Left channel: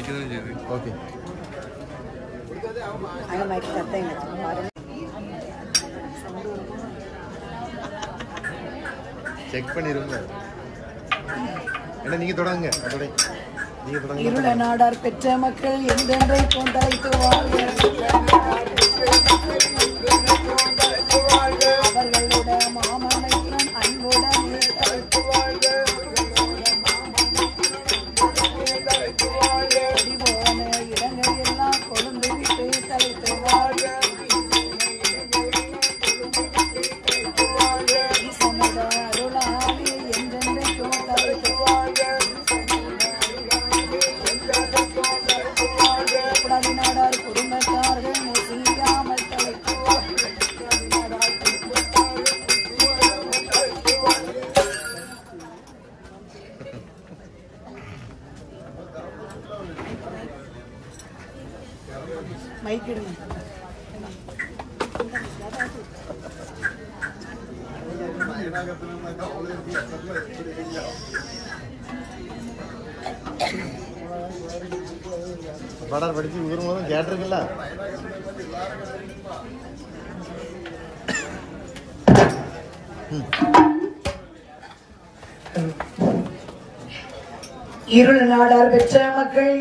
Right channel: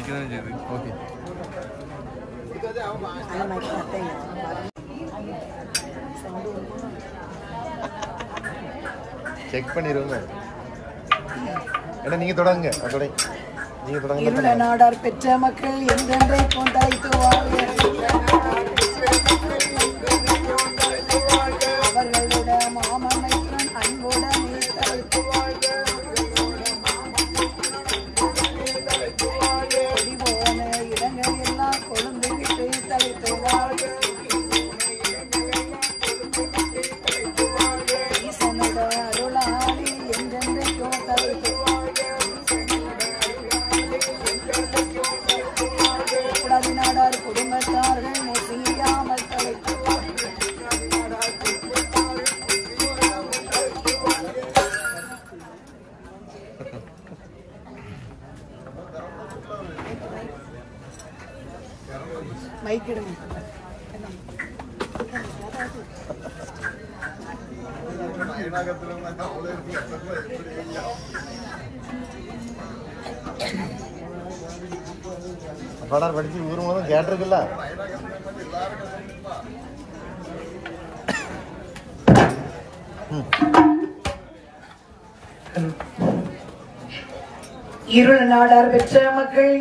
Okay check பண்ணிடுவாங்க. நீங்க தொடங்க. இருள நாடார் பெற்ற மக்கள் என்றென்றைக்கும் தலைத்துவார்கள். அவர்களோட மாமன்னையுடன் அன்புடனே தலைத்துவார்கள். போன இடங்கள் எல்லாம் கொழுந்து விட்டு தலைத்துவார்கள். ஈசனோட அருளாளி என்றென்றைக்கும் தலைத்துவார்கள். நாடார் குடும்பத்தார்கள் முசியாமல் தலைத்துவார்கள். மைக்கிடுங்க. படம் படிச்சு ஊர் மூலம் கேட்டிருக்குல்ல. இருள் நாடார் பெற்ற மக்கள்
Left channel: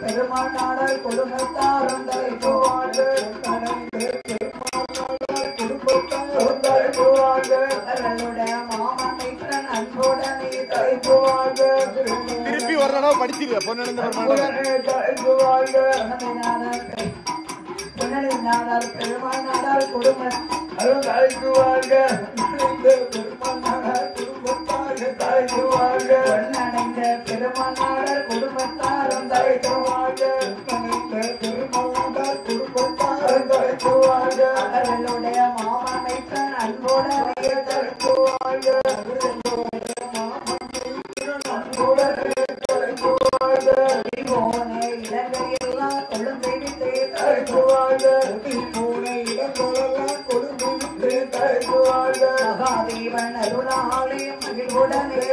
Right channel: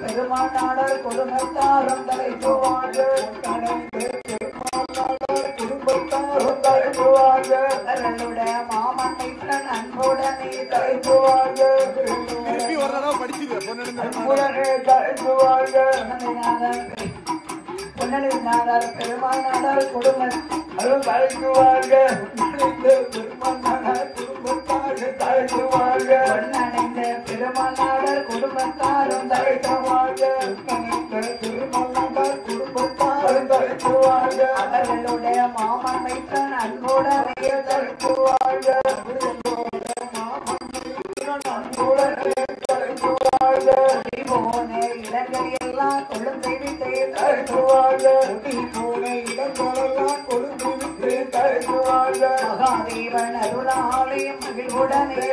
பெருமானாடல் குடும்பத்தாரும் தலைத்துவார்கள். மாமன்னையுடன் அன்புடனே தலைத்துவார்கள். திருப்பி ஒரு தடவை படிச்சிருக்க பொன்னடிநாடார் பெருமானாடல் குடும்பம் தலைத்துவார்கள். பொன்னடைந்த பெருமானாடல் குடும்பத்தாரும் தலைத்துவார்கள். அவர்களுடைய மாமன்னையுடன் அன்புடனே தலைத்துவார்கள். இடங்களையெல்லாம் கொழுந்து விட்டு தலைத்துவார்கள். மகாதேவன் அருளாலயம் மகிழ்வுடனே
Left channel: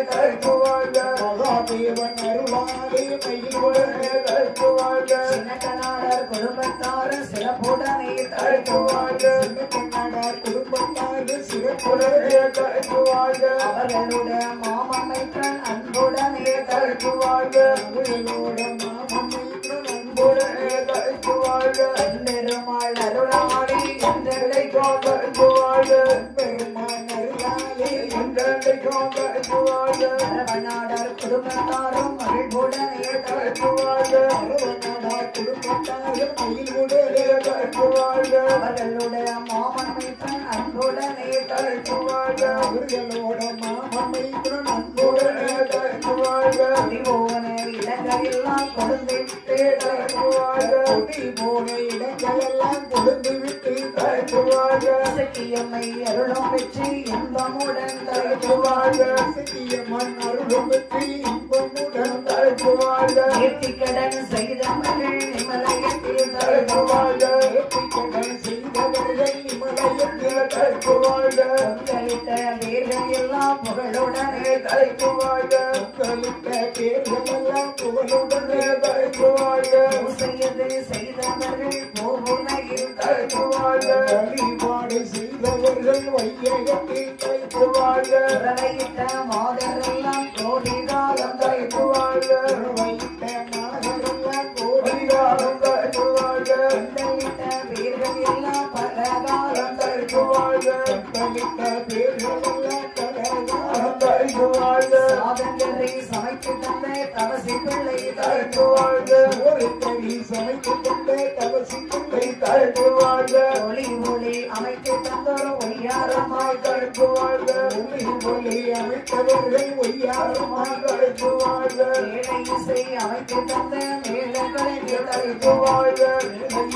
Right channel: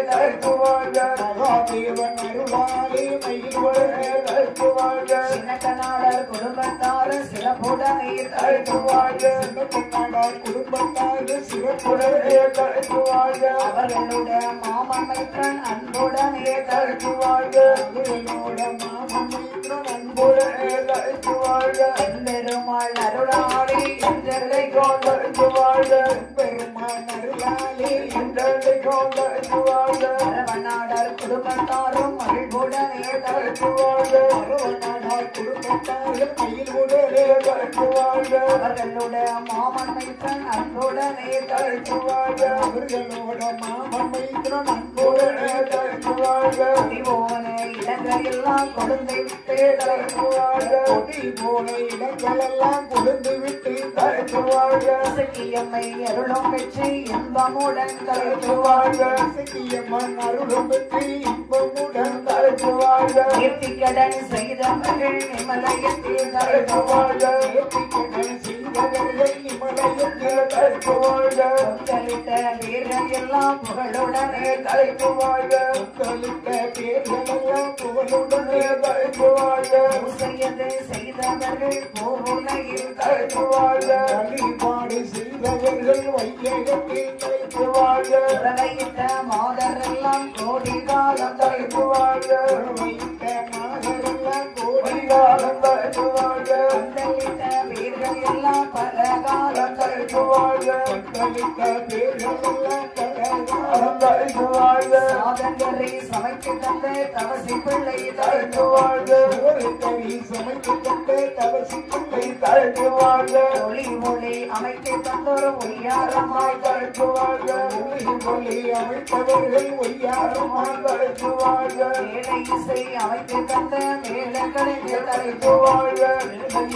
தலைத்துவார்கள். சின்னக்கநாடர் குடும்பத்தாறு சிறப்புடனே தலைத்துவார்கள். அவர்களுடைய மாமன்னையுடன் அன்புடனே தலைத்துவார்கள். பெருமாள் அருளாளி என்றெல்லை கொண்டிருவார்கள். அரவநாடர் குடும்பத்தாரும் மகிழ்வுடனே தலைத்துவார்கள். அவர்களுடைய மாமன்னையுடன் அன்புடனே தலைத்துவார்கள். இடங்களெல்லாம் கொழுந்து விட்டு தலைத்துவார்கள். சத்தியம்மை அருளும் பெற்று இன்பமுடன் தலைத்துவார்கள். கீர்த்திக்கடன் செய்த மகள் இமலயத்தில் தலைத்துவார்கள். கலித்த வீரர்கள் எல்லாம் புகழுடனே தலைத்துவார்கள். செய்தவர்கள் போருலகில் தலைத்துவார்கள். உறவையிட்ட மாதரெல்லாம் கோடி காலம் தலைத்துவார்கள். வீரர்கள் எல்லாம் பல சாதங்கரை சமைத்து தந்த தவசி பிள்ளை தாழ்ந்து வாழ்க சமைத்து கொண்ட தவசி பிள்ளை தாழ்ந்து வாழ்க ஒளி மொழி அமைத்து தந்தோர் ஒய்யாரமாய் தாழ்ந்து வாழ்க ஒளி அமைத்தவர்கள் ஒய்யாரமாக தாழ்ந்து வாழ்க மேடை இசை அமைத்து தந்த மேலக்கலைஞர் தாழ்ந்து வாழ்க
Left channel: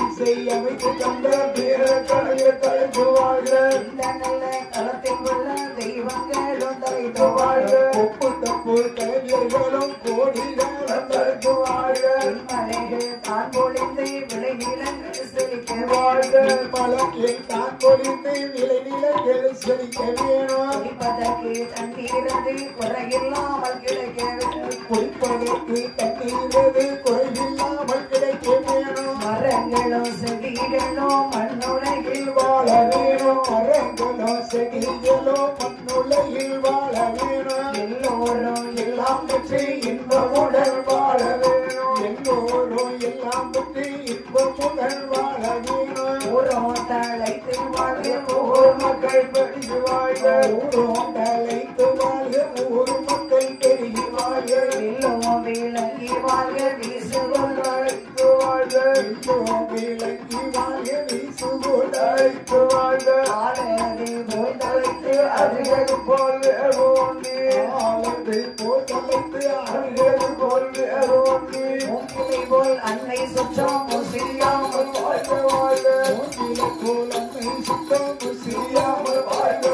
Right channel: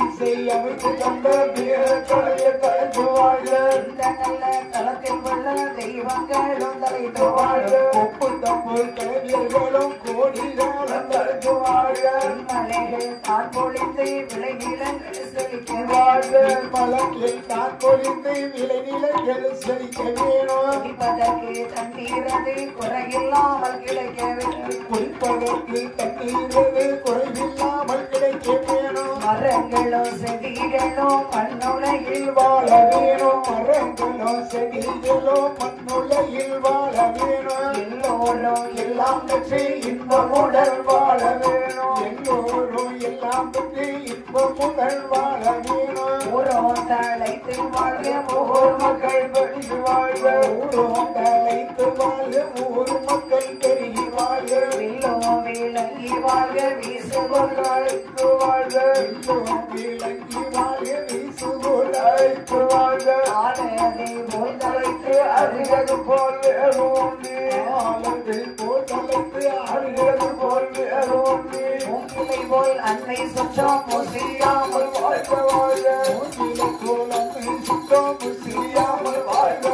இசை அமைத்து தந்த வீரக்கலைய தாழ்ந்து வாழ்க இந்த நல்ல தளத்தில் உள்ள தெய்வங்களும் தாழ்ந்து வாழ்க கொப்பு தப்பு கலைஞர்களும் கோடிகளும் தாழ்ந்து வாழ்க மலைகள் தான் பொழிந்து விளை நிலங்கள் செழிக்க வாழ்க மலத்தில் தான் பொழிந்து விளை நிலங்கள் செழிக்க வேணும் குடிப்பதற்கு தண்ணீரது குறையில்லாமல் கிடைக்க வேண்டும் குடிப்பதற்கு தண்ணீரது குறைவில்லாமல் கிடைக்க வேணும் மரங்களும் செடிகளும் மண்ணுலகில் வாழ வேணும் மரங்களோ செடிகளோ மண்ணுலகில் வாழ வேணும் எல்லோரும் எல்லாம் பெற்று இன்பமுடன் வாழ வேணும் எல்லோரும் எல்லாம் பெற்று இன்பமுடன் வாழ வேணும் ஊரம் தழைத்து வாழ்க ஊர் மக்கள் பெருகி வாழ்க ஊரும் தழைத்து வாழ்க ஊர் மக்கள் பெருகி வாழ்க எல்லோரும் விளங்கி வாழ்க வீசுகொண்டு அழைத்து வாழ்க எல்லோரும் விளங்கி வாழ்க வீசுகோள் அழைத்து வாழ்க ஆலயதை போல் தழைத்து அருகது போல் அருவொன்று ஆலதை போல் தலைத்து ஆடுகிறது போல் அருவொன்று மூங்கிலை போல் அன்னை சுற்றம் முசியாமல் வாழ்க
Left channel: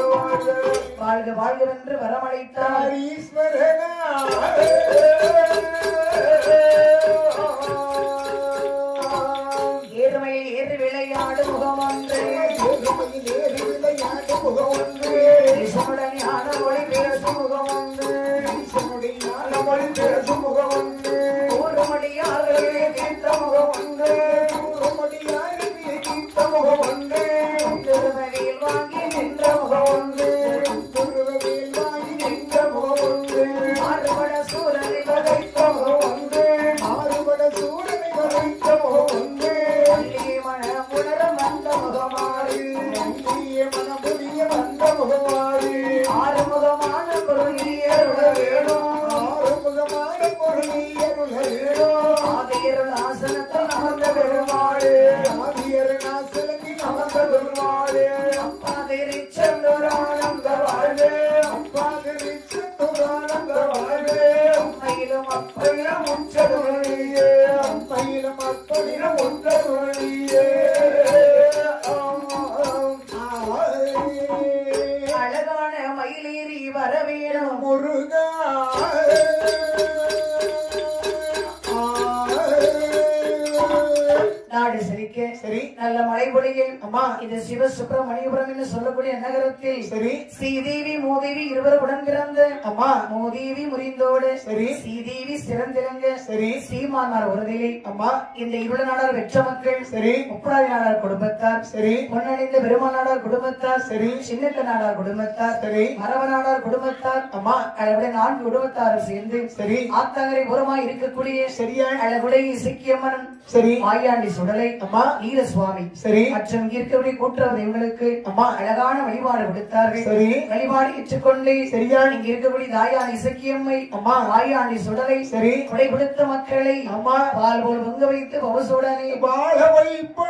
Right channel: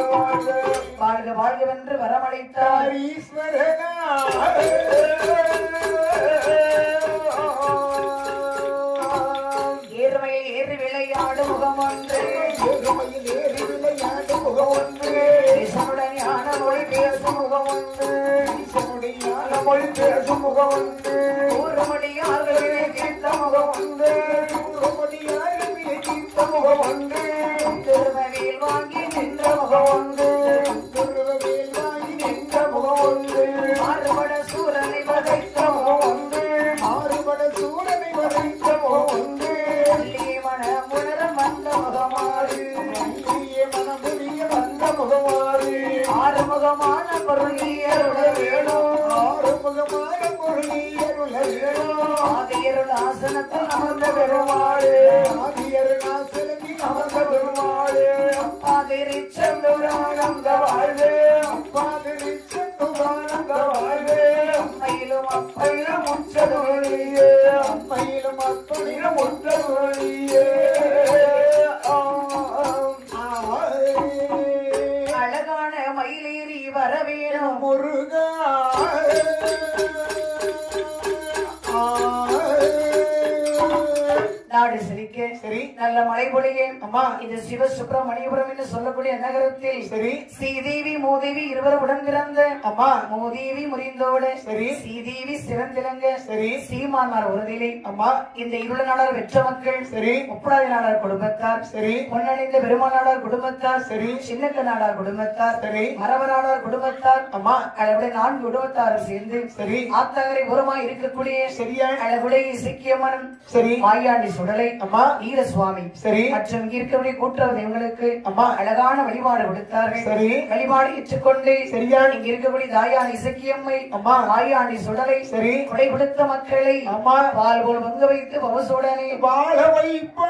வாழ்க வாழ்க வாழ்கவென்று வரமளித்தார் ஏறுமையில் ஏறு விளையாடு முகம் ஒன்று விசமுடையான மொழி பேசும் முகம் ஒன்று ஊருமடியார்களே கேட்ட முகம் ஒன்று திருமதியில் வாங்கி நின்ற முகம் ஒன்று மாறுபட சூரனை வதைத்த முகம் ஒன்று வள்ளிய மனம் உணர வந்த முகமாறு ஆறுமுகமான பொருளியருட வேணும் ஆதியருள் ஆசனத்தில் அமர்ந்த பெருமாள் அப்பாதிரி செல்லுரானந்த வாழ்வு அம்மையிலும் அப்பையிலும் உச்சதுழியே அழகான மயிலேறி வரவேணும் முருகா நாடு செழிக்க சரி நல்ல மழை பொழியும் அம்மா இது சிவ சுப்பிரமணியபுரம் என்று சொல்லக்கூடிய நகரத்தில் சரி ஸ்ரீதேவி மூதேவி இருவரும் உடன் பிறந்த அம்மா மூதேவி முறிந்தோடு சரி ஸ்ரீதேவி சிறந்திலங்க சரி சீமான்மார் உறுதியில் அம்மா இந்த இருள நாடார் வெற்ற மக்கள் சரி முப்படாதி நாடார் குடும்பத்தார் சரி பொன்னணிந்த பெருமாள் நாடார் குடும்பத்தார் சரி சின்னக்க நாடார் குடும்பத்தார் சரி மரப நாடார் குடும்பத்தார் அம்மா அளவுடைய 4 குடும்பத்தாரும் சேர்ந்து சரி ஆத்தங்கரை புறமாய் இருக்கக்கூடிய சரியா அளவுடைய சிக்கியம்மன் சரி மாயாண்டி சுடலை அம்மா வீரசுவாமி சரி மற்றும் இங்க இருக்கக்கூடிய கூட்டுறவு இவங்களுக்கு அம்மா அழகான வழிபாடு கொடுத்தார்கள் சரி வழிபாடு ஏற்றுக்கொண்டு சரியா இங்க இருக்கக்கூடிய தாயான் இசக்கியம்மை அம்மா மாயாண்டி சுடலை சரி கொடை கொடுத்த மக்களை அம்மா பால் போல் பொங்க வைத்து பவசுடனே வாழ வைப்பா